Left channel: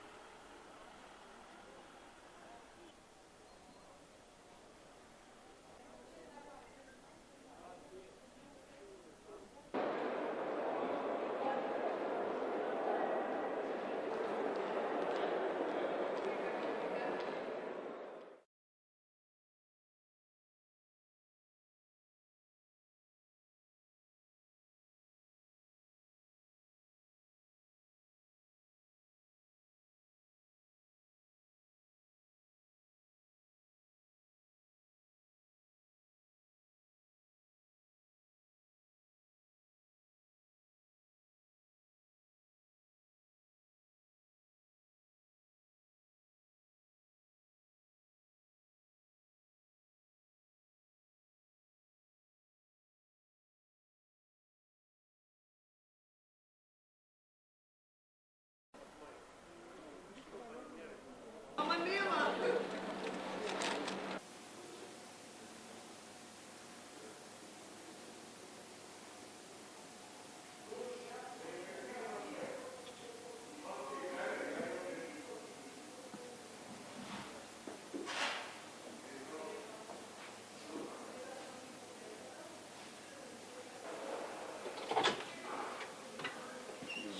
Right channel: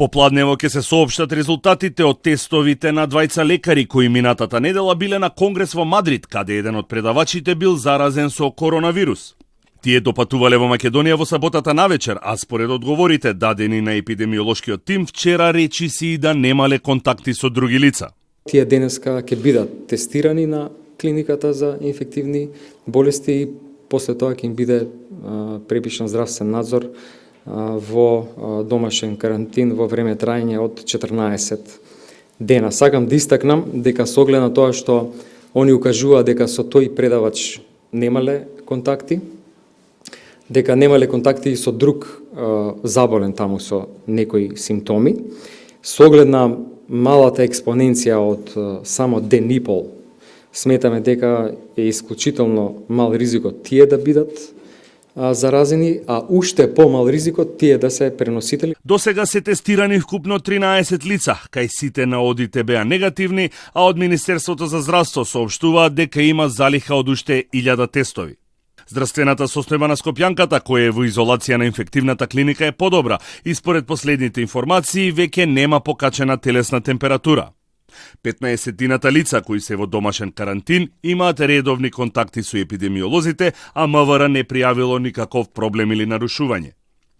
Попладнево ќе се соопштат резултатите од тестовите на двајца лекари кои минатата недела биле на конгрес во Мадрид, каде еден од предавачите бил заразен со коронавирус. Тие допатувале во Македонија во саботата навечер, а според одговорите дадени на епидемиолошкиот тим, вчера речиси и да немале контакти со други лица. Тие денеска ќе бидат тестирани на клиниката за инфективни болести и после тоа ќе им биде препишан здравствен надзор во домашен карантин во време трајање од 14 дена. Сакам да истакнам дека со оглед на тоа што они укажува дека со тој предавач немале контакти, дека немале контакти и со друг заболен таму со некои симптоми, со оглед на малата експоненција од само ден и пол, сметаме дека е исклучително мал ризикот тие да бидат заразени, а уште помал ризикот тие да се преносители. До сега се тестирани вкупно 13 лица, кај сите на одите беа негативни, а од Министерството за здравство соопштуваат дека има залиха од уште 1000 тестови. Здравствената состојба на скопјанката, која е во изолација на инфективната клиника, е подобра и според последните информации веќе нема покачена телесна температура. 15-тината лица кои се во домашен карантин имаат редовни контакти со епидемиолозите, а МВР не пријавило никаков проблем или нарушување.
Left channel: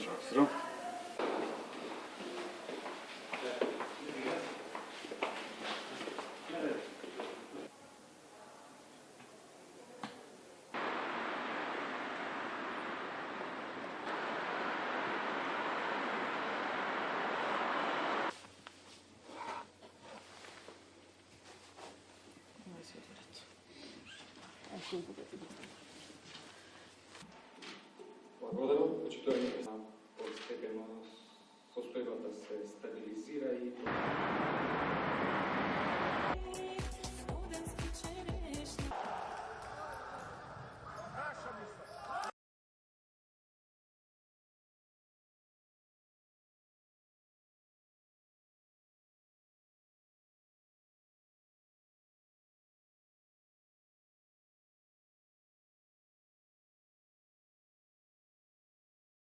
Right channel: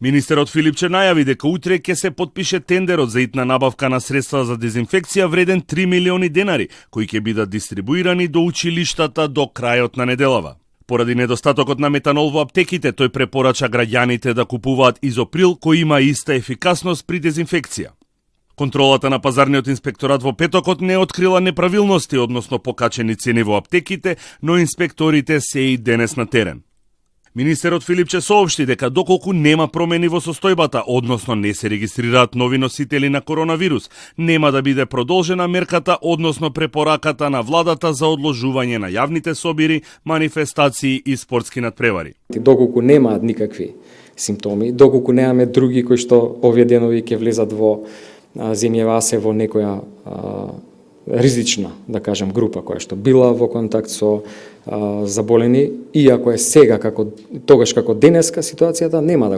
Министерот Филипче најави дека утре ќе се потпише тендерот за итна набавка на средства за дезинфекција вреден 3 милиони денари, кои ќе бидат дистрибуирани до училиштата до крајот на неделава. Поради недостатокот на метанол во аптеките, тој препорача граѓаните да купуваат изоприл кој има иста ефикасност при дезинфекција. Контролата на пазарниот инспекторат во петокот не открила неправилности, односно покачени цени во аптеките, но инспекторите се и денес на терен. Министерот Филипче соопшти дека доколку нема промени во состојбата, односно не се регистрираат нови носители на коронавирус, нема да биде продолжена мерката, односно препораката на владата за одложување на јавните собири, манифестации и спортски надпревари. Доколку немаат никакви симптоми, доколку немаме други кои што овие денови ќе влезат во земјава се во некоја ризична, да кажем, група која што била во контакт со заболени, иако е сега тогаш како денеска ситуацијата, нема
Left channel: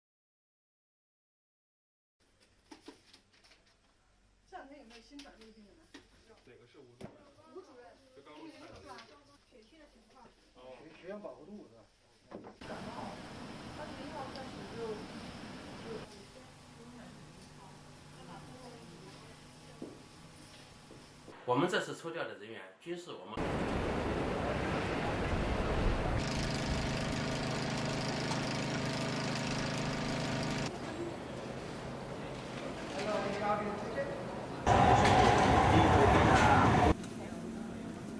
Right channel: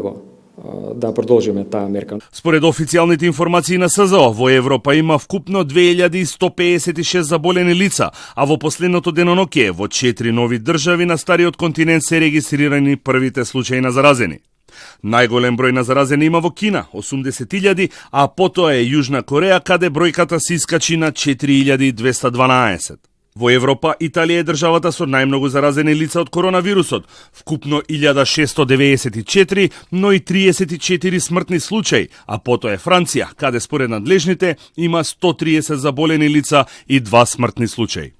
да продолжиме таа мерка. Според официјалните информации на СЗО, во Европа има вкупно 2156 заболени лица, а во последното деноноќе во 4 нови држави на стариот континент се регистрирани првите случаи на заразени. Најголем број на заразени има во Кина, 80.000, а потоа е Јужна Кореја, каде бројката се искачи на 4212. Во Европа, Италија е државата со најмногу заразени лица од коронавирусот, вкупно 1694, но и 34 смртни случаи, а потоа е Франција, каде според надлежните има 130 заболени лица и 2 смртни случаи.